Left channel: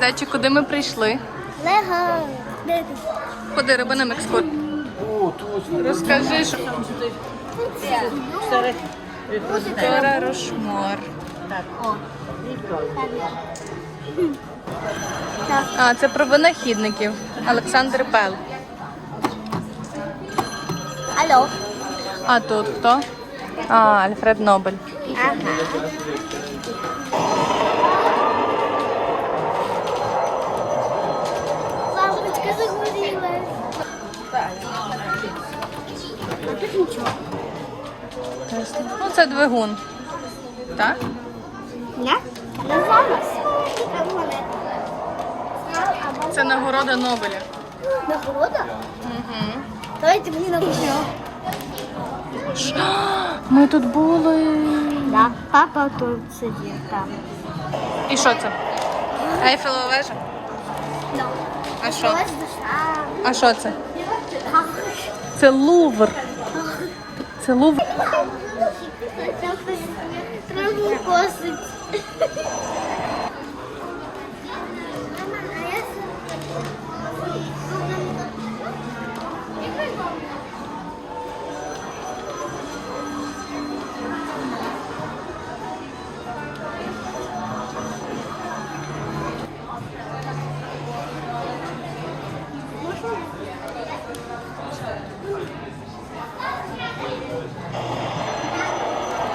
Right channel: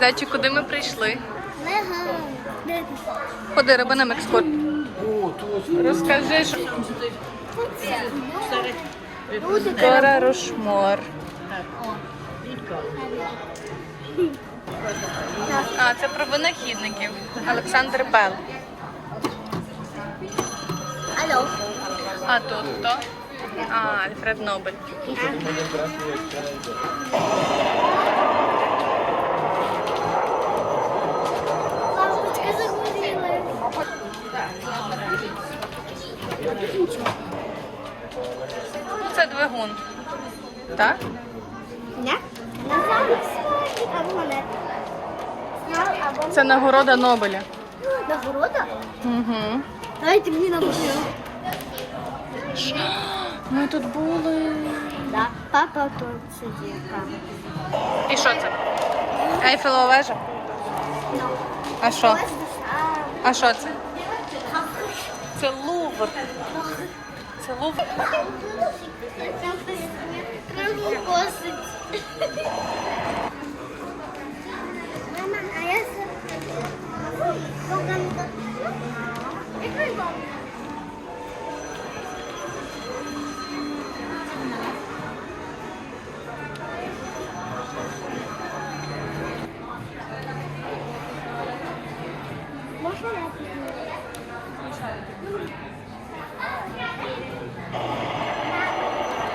Зайчик, куди ми прийшли? Лего. Ходи, роби нам екскурс. Розкажи, що Кора Рошмор. А, це про винахідників. Олександр Пел. Алло. А тут хто? А, Альфред Нобель. Лампочка тут нічого. Ну, це двигун. Так? Монета. Це нагорода Нобеля. Нагорода? Угу. Дайте мені нагороду. Ми тут були. Да, папа тут сидить там. І що це? Ейфелева вежа? Да. А що? А що це? Це Лувр. Це лув. Треба косить.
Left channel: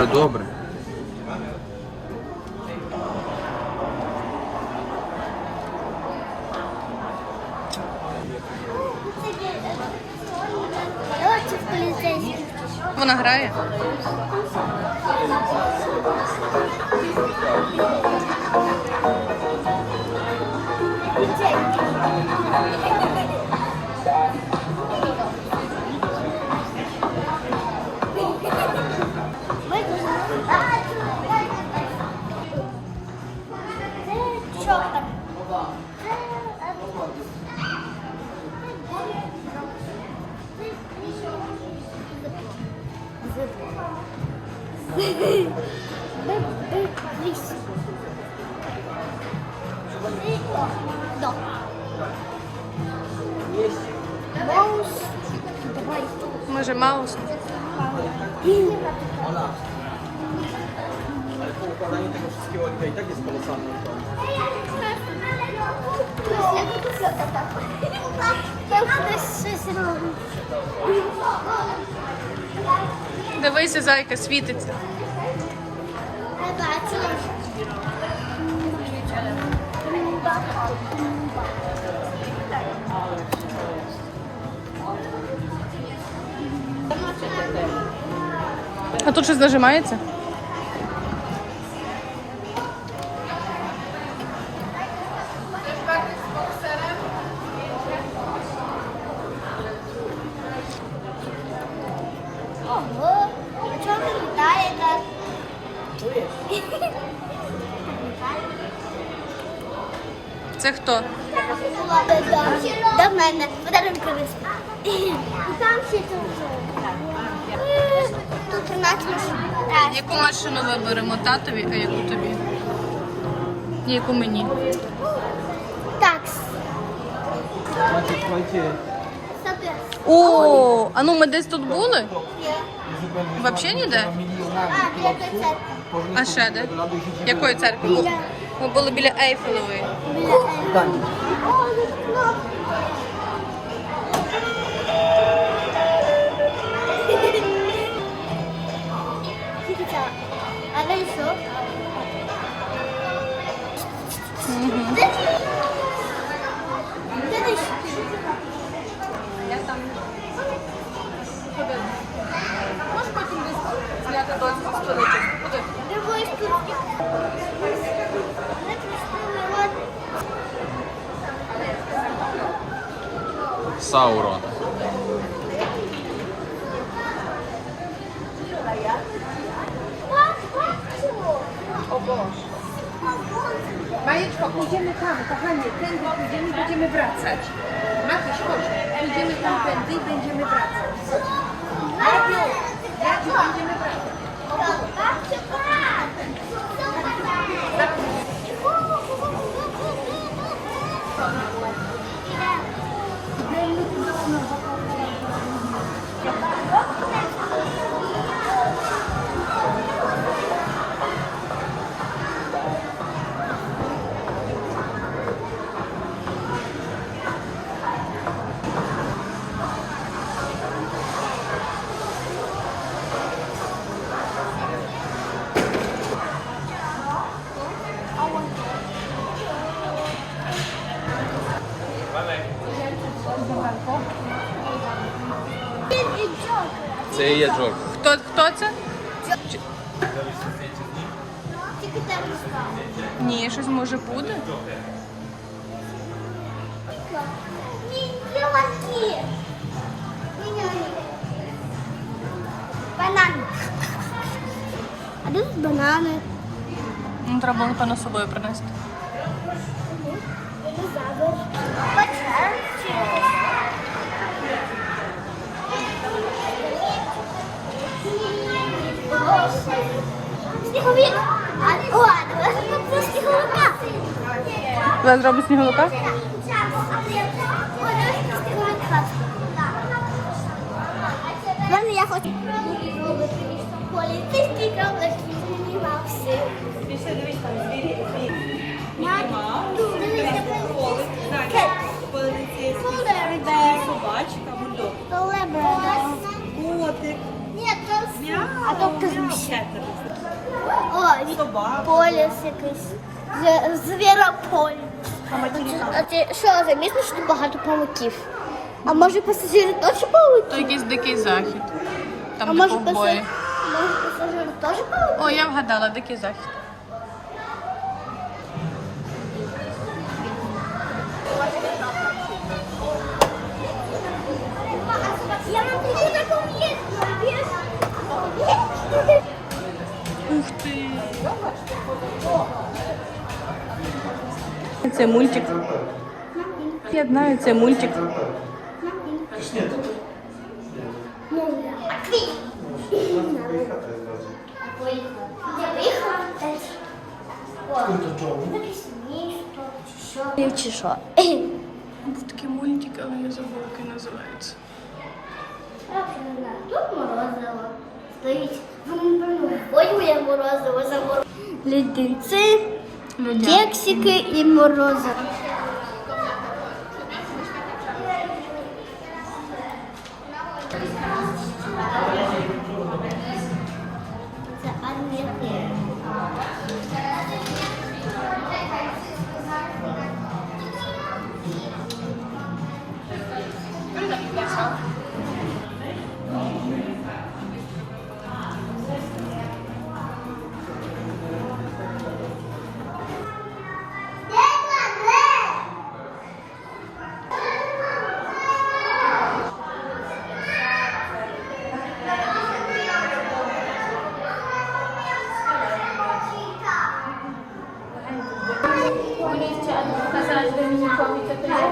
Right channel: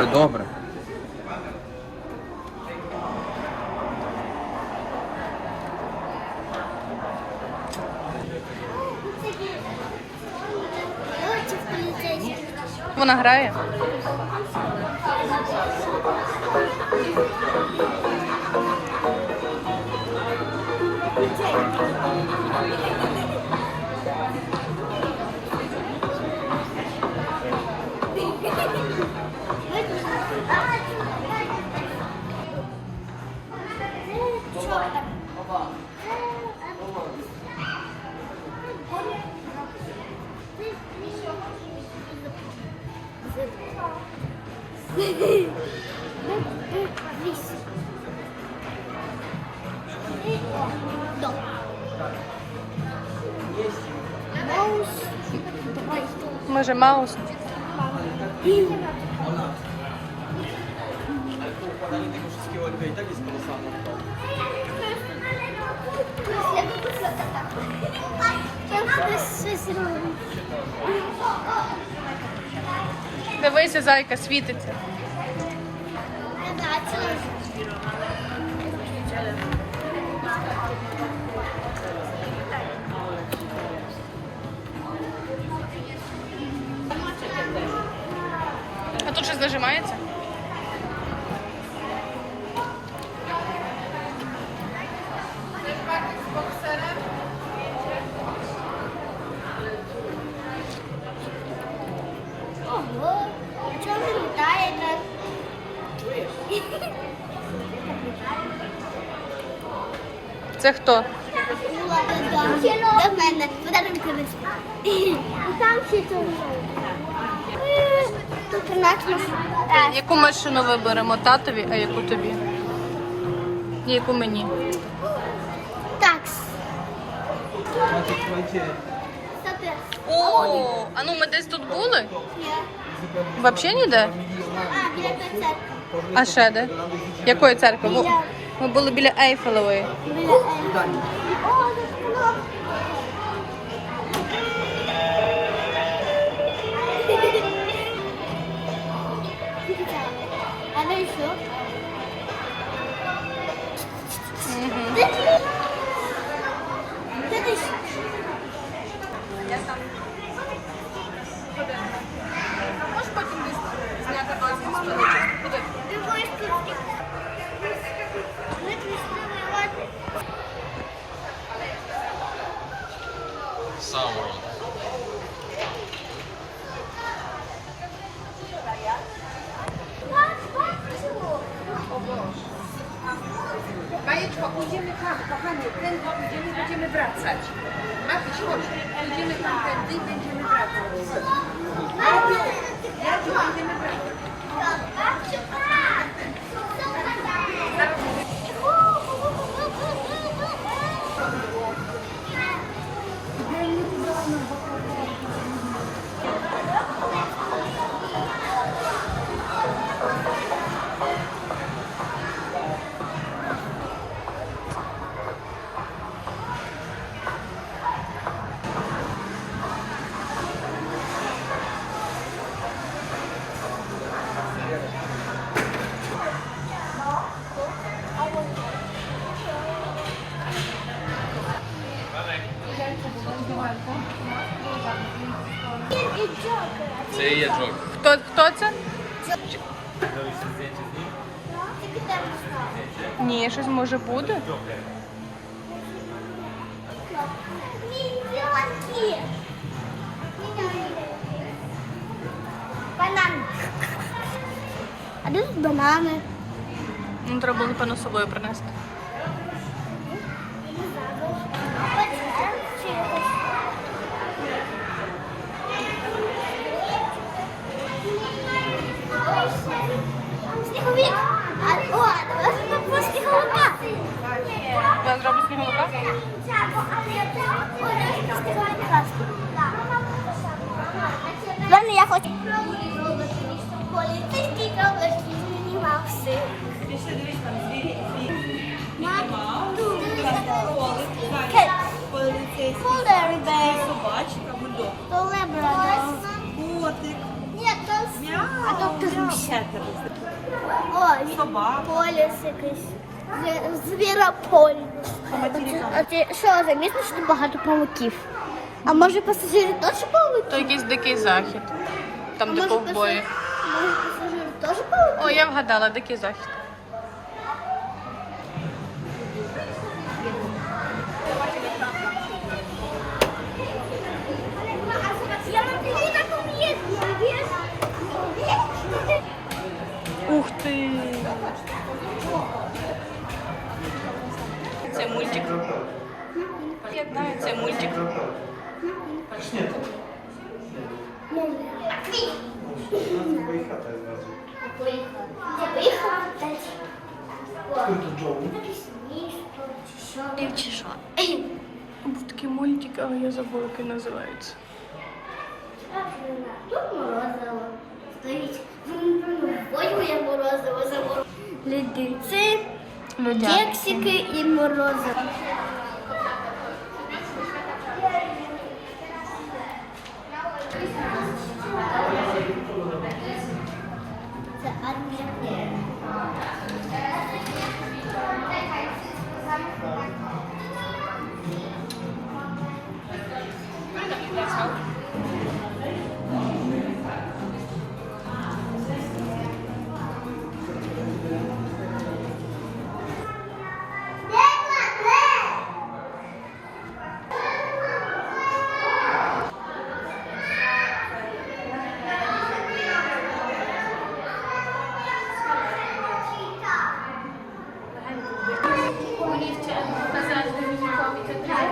Добре. Вона грає. Що там? Маус. Давай. Може, Маус? Дивися, зайка світиться. А тут щось нажимається? Це хто? До мене, подарунки висп. Там всі тут. Тут у нас машина. Яку машину виберемо? Татові, а яку тобі? І яку мені? Такс. О, а ну ми десь тут були? Взагалі ніде? А, біля. А ще де? Якої церкви? Бу- Ми були біля Ейфелевої. Біля Ельфа. О, тут кнопка. А ви що? Угу. Де ти? Де ти? Можеш потім зняти бачити спиночок? Любой Sauron. Bajeczko, pójdziemy tam, kochanie, tędy pójdziemy, będziemy wracać. Matuś, chodź, pójdziemy tam tędy i będziemy wracać. Radziu, Radziu, będziemy wracać. Це є джок. Хто, хто це? Тільки там. Ні, щось може буде. Міньоки. Банан. А тут банани? Ну, треба було певно з собою принести. Зараз зроблю сніговика. Ладно, я хочу. Поліцейський проблеск знімався. Пішли, дивись, там звірі. Тут дивися. Кет. Polar bear. Собачка, бульдог. Labrador. Котик. Ні, то А то крыша. О, Собака. поліс якийсь. Звірополь. А що, замісно, що тут багато павуків? А може пасажири теж павуки? То якийсь дикий захід. А Там де може може пасажири теж павуки? О, я вгадала, дикий захід. Це мультик. Я знаю, це мультик. Чи що? Був такий мультик, але я забула, який називається. Тут морозиво. Стоїть. Ой, моє морозиво заморозиво. Леденці, Людя. кексики і морозиво. तसं आज